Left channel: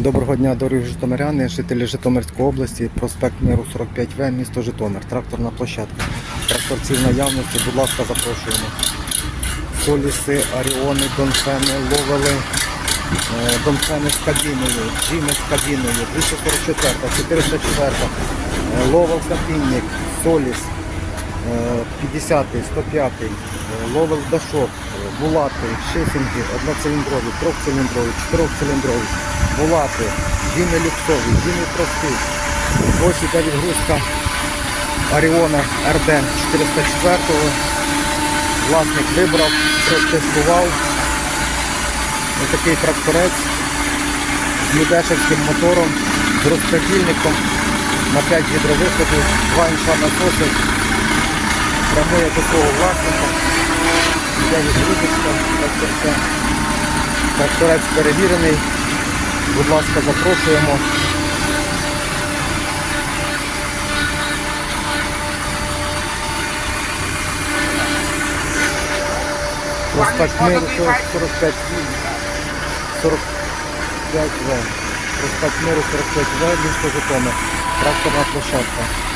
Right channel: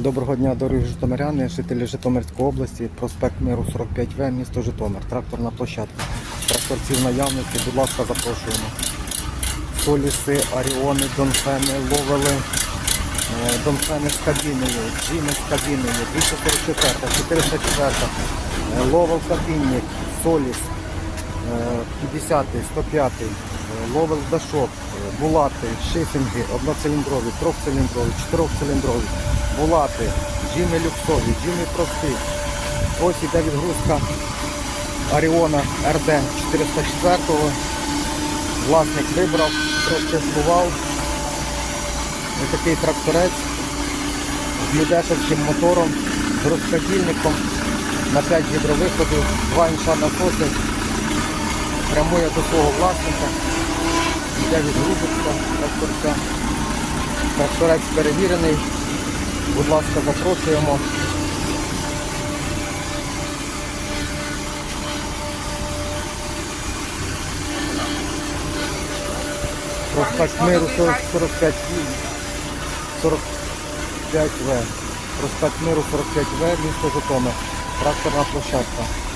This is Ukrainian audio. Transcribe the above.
Доброго дня, дорогі житомиряни, жителі Житомирської області, проспект Миру 45В, місто Житомир, тракторна площадка. Тракторці наявності, будь ласка, запрошуємо. Соліси, Аріони, Донфени, Ловели, е, Донфени з кабіною, Джимі з кабіною, 244, 404, е, Ловел Сапінник, Соліс, е, 50, 105, е, Ловел Дашок, Булати, Шифінги, одноциліндрові, трьохциліндрові, чотирьохциліндрові, Булати, Джимі люксові, Джимі простий, гроші для відгрузка Аріона РД 404 Власник вибрав, протестував. Ось такий тракторець з Медяшевським мотором, з розпредільником на 5 гідровиходів, 2 інша насоси, прямує до свого власника. Тракторець перевірений. Будь ласка, запрошуємо. Проспект Миру 45 45 В. Проспект Миру 45 В, місто Житомир. Тракторна площадка.